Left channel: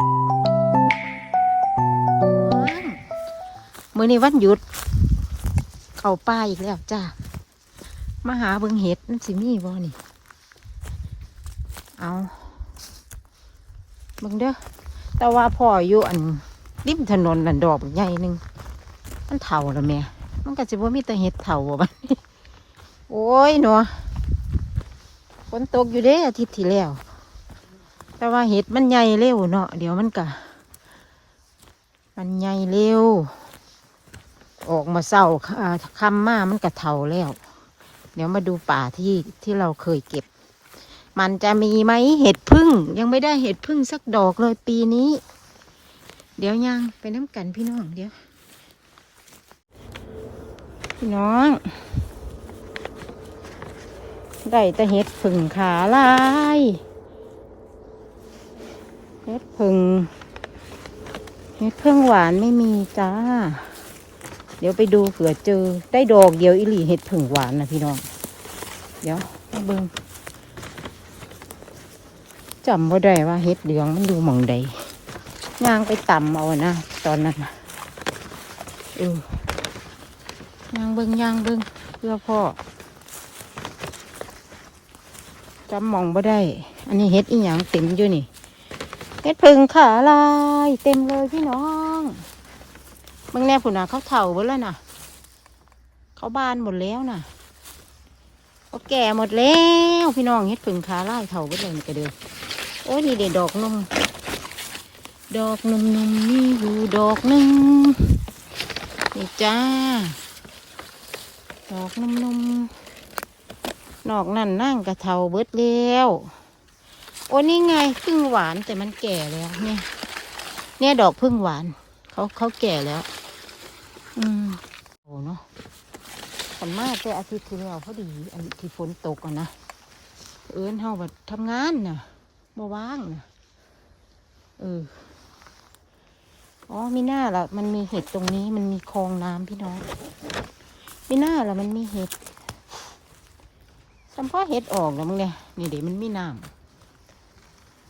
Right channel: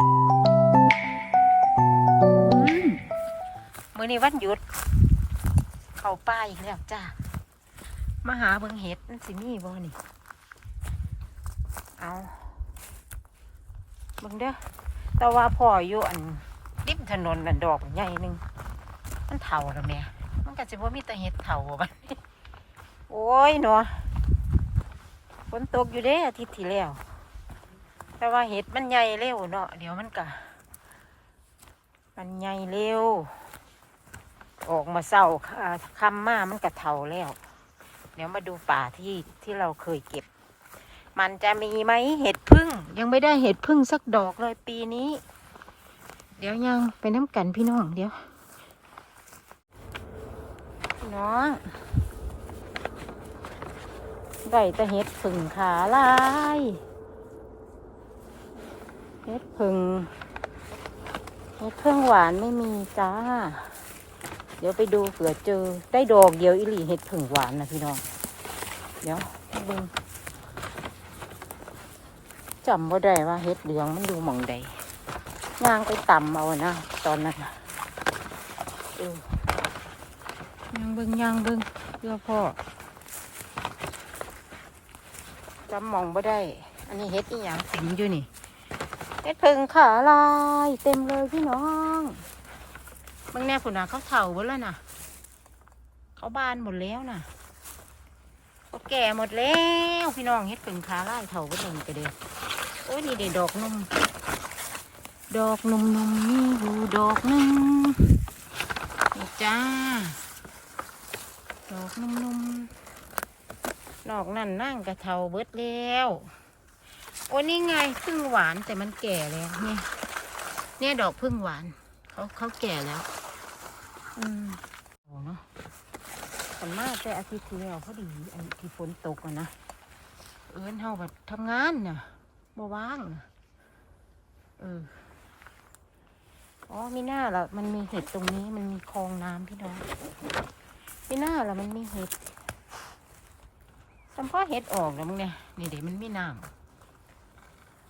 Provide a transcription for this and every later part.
มมื้อนี้วันหยุด เข้าป่าอีกแล้วจ้ามาหาเบิงเห็ดมันสิมีบ่นี่ เอาเบิงเด้อแต่ว่าพ่ออยู่อันริมถนนนั่นดอกใหญ่หนึงมันเถ่าแล้วแม่มันก็สิบ่มีแต่เห็ดเถ่าบ่บันี้โอ้ยหนูฝนตกอยู่เด้อาทิตย์ที่แล้ว แต่ว่าเห็ดมันใหญ่เร็วเนาะเดี๋ยวมันก็มันใหญ่เร็ว ออกมาเศร้าอ่าคำมามันก็เท่าแล้ว เดี๋ยวมาดูป่าที่ที่เราเคยเก็บ มันจะมีไหมเห็ดพึ่ง ยังไม่ได้เห็ดพึ่งสักดอกเลยปีนี้ เดี๋ยวยังไปน้ำกันพี่น้องเดี๋ยวน้องได้แต่เห็ดพึ่งขาลาย เห็ดพึ่งเห็ดพึ่งหวานไม่มีจ้า เดี๋ยวไปดูเผื่อเจอ ได้ดอกเดียวอิหลีเห็ดพึ่งหวานนะพี่น้อง เดี๋ยวไปเบิ่งจำว่าได้ว่าเห็ดเหลืองมันดูหมองใดนางไปต่ำเอานะตอนนั้นเออยางเบิงยางเบิงเพื่อพ่อจำมองบ่ได้ อันนี้เห็ดอีหยังเต็มอยู่นี่ เห็ดพึ่งขาลายเต็มเลยพี่น้องเบิ่งแน่ผุนน่ะเขาเถ่าหมดแล้วน่ะเขาบานหมดแล้วน่ะก็แก่หมดแล้วพี่น้องเฮ็ดผึ่งขาไล่เถาก็เลยกระเดือโอ้นี่เด็ดดอกนมดอกนมนมมีอยู่ดอกหนึ่งนี่จ้า ดอกนมนมดอกนั่นนั่งกระเทาเบิดแล้ว โอ้นี่ไงพึ่งหวานแต่มันแก่แล้วเนี่ยเนี่ยดอกพึ่งหวานเขาเขาแก่แล้ว อืมโอ้เนาะผลมากแต่อาทิตย์ที่แล้วพอดีอันที่ฝนตกอะนะเอิญเฮาแบบทำงานน่ะบ่ว่างน่ะเอออ๋อมีหน้าละมันมีเห็ดตรงนี้มันมีคลองน้ำพี่น้องมีหน้าละมันมีเห็ดสัมพ่อเห็ดออกแล้วมึงเนี่ยนี่เดี๋ยวมันมีน้ำ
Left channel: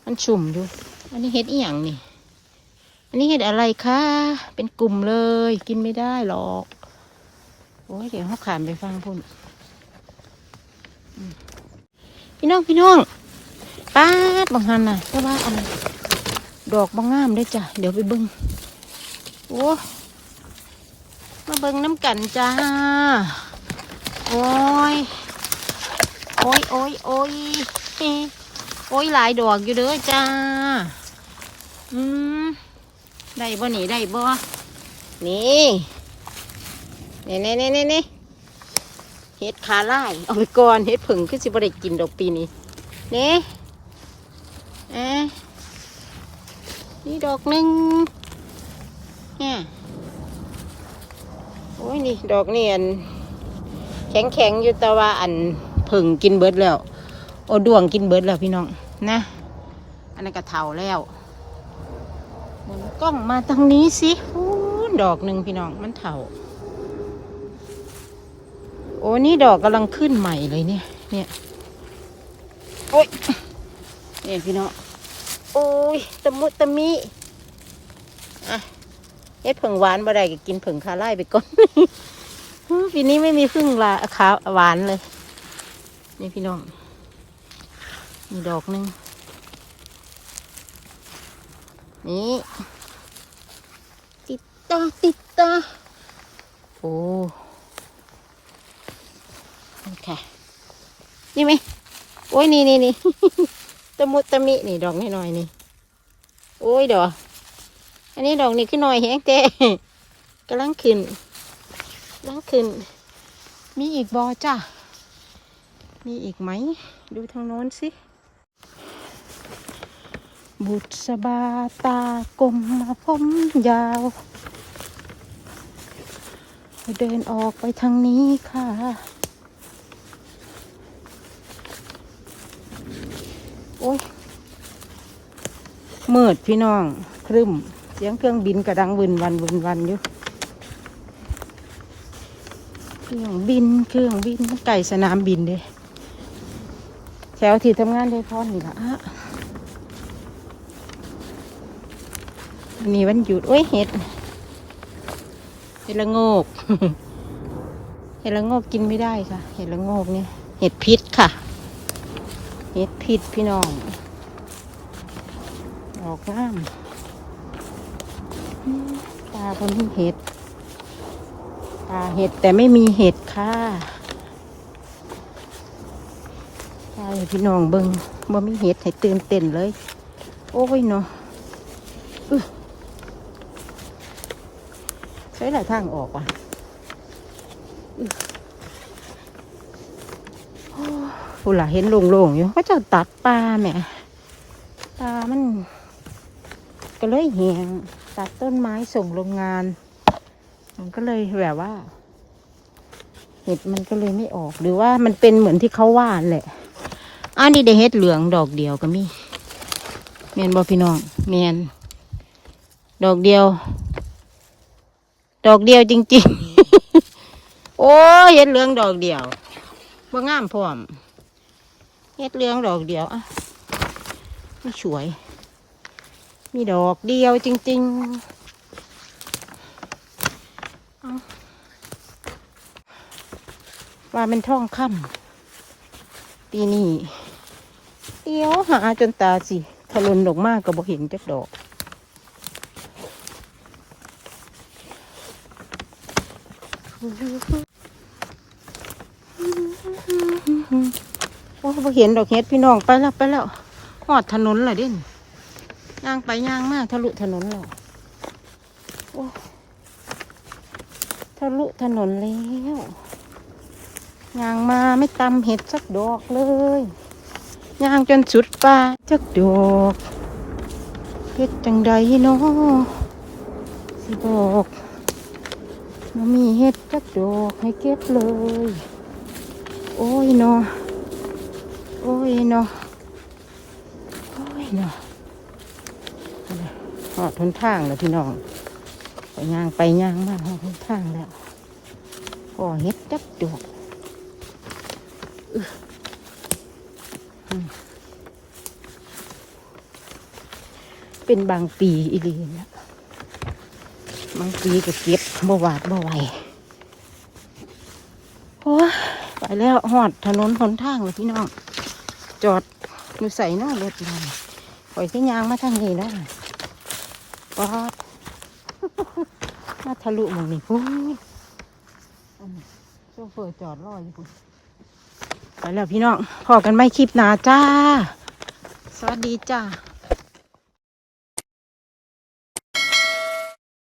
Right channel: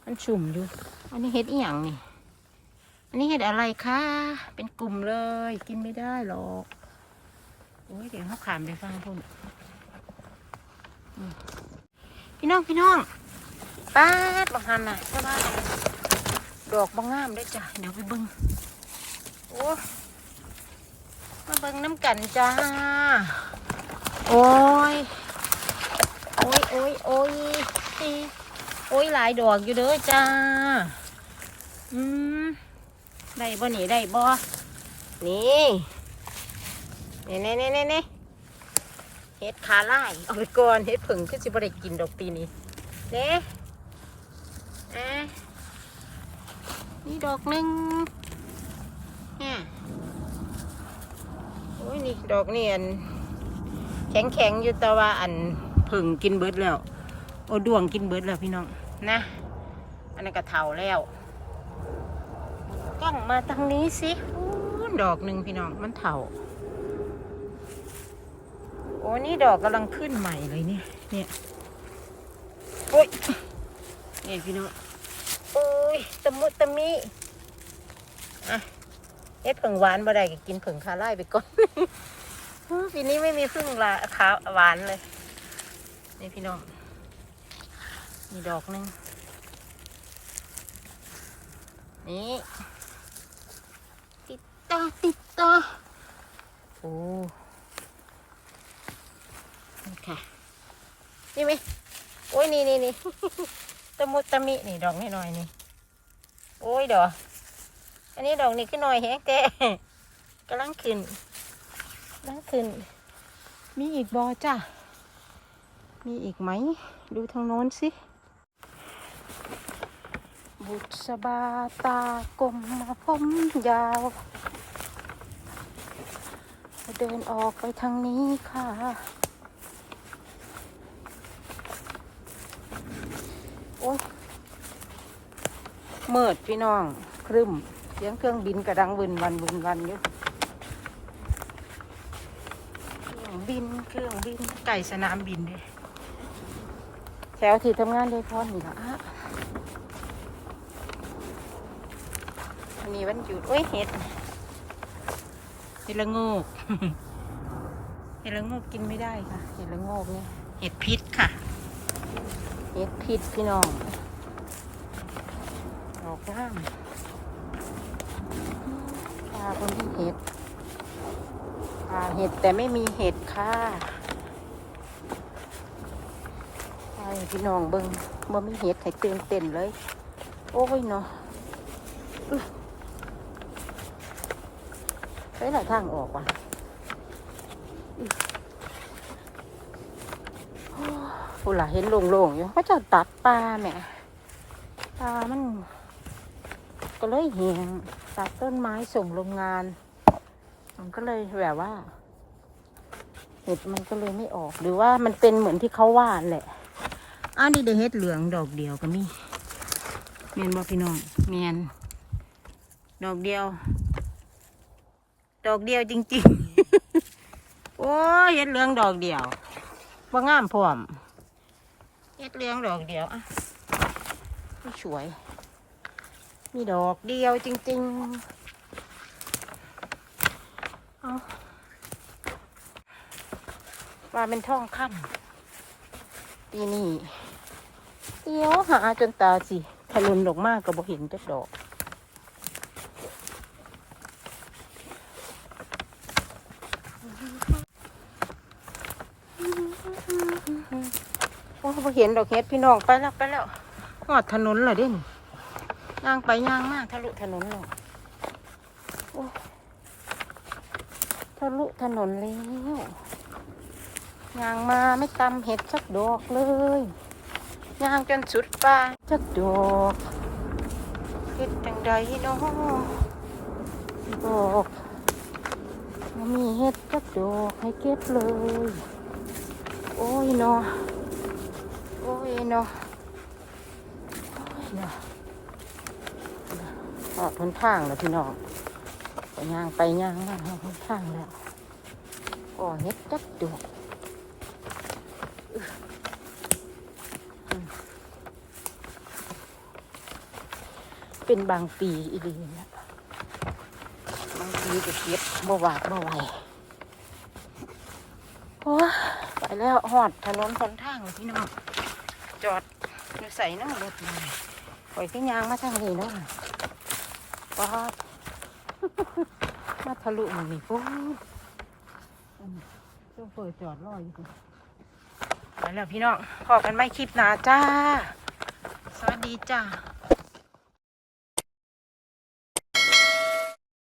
มันชุ่มอยู่ อันนี้เห็ดอีหยังนี่ อันนี้เห็ดอะไรคะ เป็นกลุ่มเลย กินไม่ได้หรอก โอ้ยเดี๋ยวเขาขามไปฟังพุ่นพี่น้องพี่น้องป้าดบางฮันน่ะแต่ว่าอันดอกบางงามเด้วยจ้ะ เดี๋ยวไปเบิ้งโอ้มาเบิ้งน้ำกันจ้า โอ้ย โอ้ยโอ้ยโอ้ย โอ้ยหลายดอกอยู่เด้อจ้า อืมได้บ่นี่ได้บ่นี่นี่นี่นี่นี่นี่เห็ดขาล่ายเอาไปก่อนเห็ดผึ่งคือสิบ่ได้กินดอกปีนี้นี่อะนี่ดอกหนึ่งเนี่โอ้ยนี่ดอกนี่อันแข็งแข็งอยู่แต่ว่าอันผึ่งกินเบิดแล้ว โอ้ดวงกินเบิดแล้วพี่น้องนะ อันนั้นก็เถาแล้วหมุนกล้องมาตรงนี้สิอู้ดอกหนึ่งพี่น้องมันเถาโอ้นี่ดอกกำลังขึ้นใหม่เลยเนี่ย เนี่ย โอ้ยเนี่ยพี่น้อง โอ้ยตะมุตะมิอะเฮ็ดผึ่งหวานบ่ได้ก็กินผึ่งคาไล่ไปก่อน ปีนี้ไม่มีพึ่งลาขาวหวานเลย นี่พี่น้อง มีดอกหนึงนี่ติดต่อติดต่อโอ้นี่ค่ะ นี่ไหมโอ้ยนี่นี่นี่ตะมุตะมินี่ดอกน้อยนี่โอ้ยดอกอันนี้ดอกนี่ขึ้นหน่อยแฮงเต้กำลังขึ้นกำลังขึ้น มีอีกบอจ้ะมีอีกไหม ดูทางโน้นสิ บุษบาตากลมผมยาว เดินออกไปทางนี้ค่ะ โอ้ยมืดพี่น้องครึมเสียงเครื่องบินกระดังวินวันวินวันอยู่เครื่องบินเครื่องบินไก่สนามบินเลยแถวที่ทำงานได้พ่อนี่ะ มีวันหยุดโอ้ยเห็ดเห็ดละโงก เห็ดละโงกกินไม่ได้ค่ะ เห็ดละโงกเนี่ยเห็ดพิษค่ะ เห็ดพิษพี่น้องออกบ้านตาเป็นเห็ดตาเห็ดแต่ไม่มีเห็ดค่ะพี่น้องเบิงบ่มีเห็ดให้ตื่นเต้นเลย โอ้ยเนาะ อื้อใช้หลายทางออกอะผู้หล่ะเห็นโล่งๆอยู่ก็จะตัดปลาแหมปลามัน ก็เลยเหี่ยงตัดต้นไม้ส่งโรงงาน มันก็เลยแบบว่าเห็ดมันก็เลยไม่ออกหรือว่ามันเป็นเหมือนที่เขาว่าแหละอันนี้ได้เห็ดเหลืองดอกเดียวก็มีเมียนบอพี่น้องเมียนดอกเดียว ดอกเดียวจริง ๆ โอ้ยเห็ดเหลืองดอกเดียวบ่งามพร้อมเห็ดเหลืองดอกเดียวอะไม่สวย มีดอกเดียวจริง ๆ เอาลาเป็นท่องค่ำปีนี้เดี๋ยวหาจนตาสิถล่มดอกมากก็บ่เห็นจักดอก โอ้ บ่เห็นดอกเฮ็ดพี่น้องไปแล้วไปแล้วหอดถนนเลยเด่นย่างไปย่างมากทะลุถนนแล้วทะลุถนนแล้วย่างมาไม่ตำเห็ดสักดอกเลยย่างจนสุดป่าจักดอกเฮ็ดจังใดเนาะสิบอก มีเห็ดจักดอกให้เก็บเลย โอ้ยเนาะโอ้ยเนาะโอ้ยเนาะหอดทุนข้างแล้วพี่น้องย่างไปย่างมาหอดทุนข้างแล้วโอ้เฮ็ดจับดอกเป็นบางปีอีดีนะ บางปีก็เก็บบ่หวาดบ่ไหวโอ้ยไปแล้วหอดถนนหนทางเลยพี่น้อง จอดดูใส่น้อยเลยพี่น้องปล่อยก็ยางมาทางนี้แล้วปอดมาทะลุอันนี่พุ่งโซเฟอร์จอดรออยู่พุ่นไปแล้วพี่น้องพอกันไม่คลิปหนาจ้า สวัสดีจ้า